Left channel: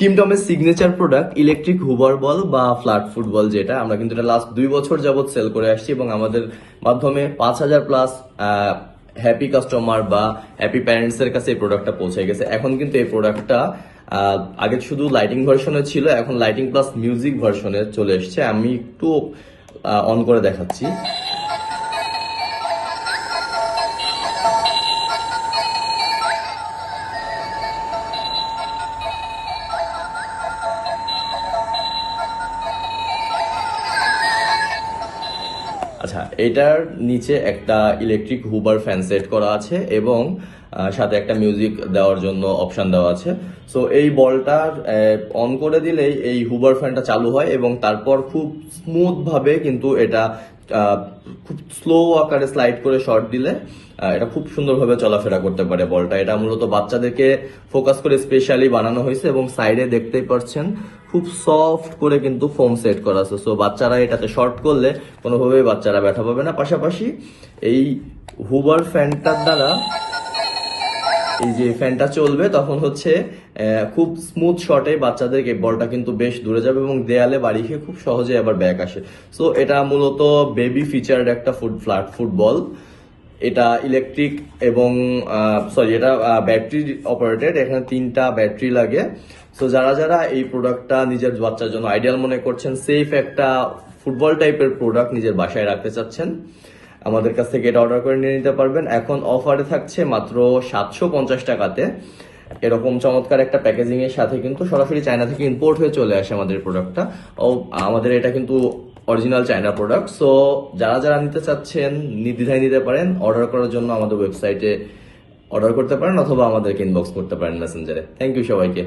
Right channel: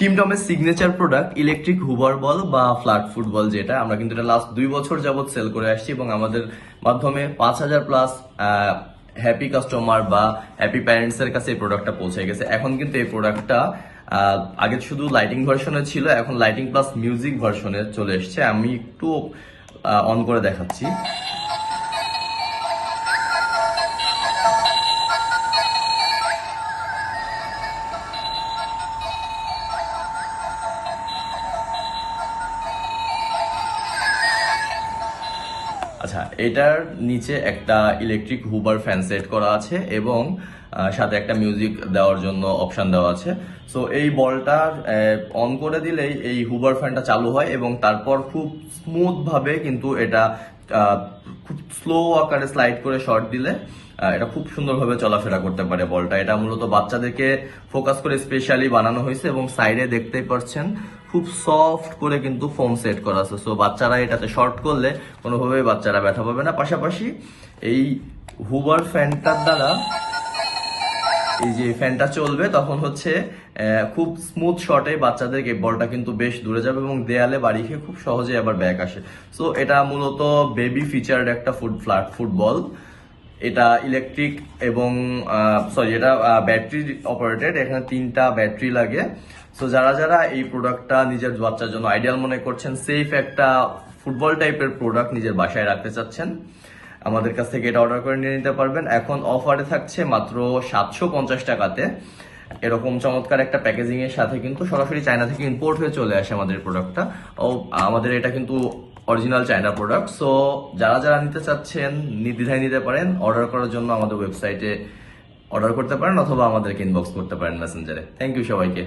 Team টমের signature product electric hover ball বা flat football যেটা, আমরা কিন্তু এটা লাস্ট দুই বছর যাবৎ সেল করে আসছি এবং আমাদের মাধ্যমে পাঁচ হাজার প্লাস হ্যাপি কাস্টমার বা হ্যাপি প্যারেন্টস এর কাছে এই প্রোডাক্টটা পৌঁছে গেছে। এখন কিন্তু এই প্রোডাক্টটা আগে শুধু লাইটিং ভার্সনে ছিল, এখন লাইটিং প্লাস মিউজিক ভার্সনে চলে এসেছে। আমি একটু অন করে দেখাচ্ছি। আচ্ছা এটার নিচে একটা ইলেকট্রিক হুবার ফ্যান সেট করা আছে এবং সাথে একটা মিউজিক দেওয়ার জন্য অপশান দেওয়া আছে। সো এই বলটা অন করে দিলেই এই হুবার ফ্যানটা চালু হয় এবং তারপর খুব স্মুথভাবে কিন্তু এটা খুব স্লো আকারে স্লাইড করে শর্ট দিলে এটা খুব সুন্দরভাবে চলাফেরা করতে পারে বলটা। এটা মূলত বাচ্চাদেরকে ফোকাস করে স্পেশালি বানানো হয়েছে এবং সাইডে দেখতেই পাচ্ছেন, খুব সফট করে কিন্তু ফোম সেট করা আছে। সো বাচ্চারা এটাতে শর্ট করলে কোনোভাবেই বাচ্চারা ব্যথা পাবে না। পাশাপাশি এই হুবার ফ্যানটার দ্বারা এই যে ফ্যানটা চলবে, তখন হচ্ছে খুব স্মুথ শটে বাচ্চাদেরকে বলটা কিন্তু বেশ দূরে যাবে এবং দেয়ালে বাড়ি খেয়ে খুব সহজে আবার ব্যাক আসে। সো এটা মূলত বেবি ফিচার্ড একটা ফুড ফ্ল্যাট ফুটবল এটা ইলেকট্রিক এবং সরি এটা ব্যাটারি অপারেটেড এখানে তিনটা ব্যাটারি লাগে। সো যারা যারা এই প্রোডাক্টটা নিজের বাচ্চার জন্য আইডিয়াল মনে করছেন সেফ একটা ফুটবল টাইপের প্রোডাক্ট নিজের বাসায় রাখতে চাচ্ছেন। আমাদের কাছ থেকে এটা অর্ডার করে নিয়ে নিতে পারবেন। এখন অফারে থাকছে মাত্র সাতশো পঞ্চাশ টাকাতে। এরকম চমৎকার একটা প্যাকেজিং এর সাথে কিন্তু সরাসরি চায়না থেকে ইম্পোর্ট হয়ে চলে আসে আমাদের প্রোডাক্টটা ও, আমাদের এটা কিন্তু অরিজিনাল চায়না প্রোডাক্ট সো যারা যারা নিতে চাচ্ছেন নির্দ্বিধায় নিতে পারেন অর্ডার করার জন্য আমাদের ওয়েবসাইটে অর্ডার করতে পারেন অথবা আমাদেরকে ইনবক্স করতে পারেন মেসেঞ্জারে থ্যাংক ইউ সবাইকে।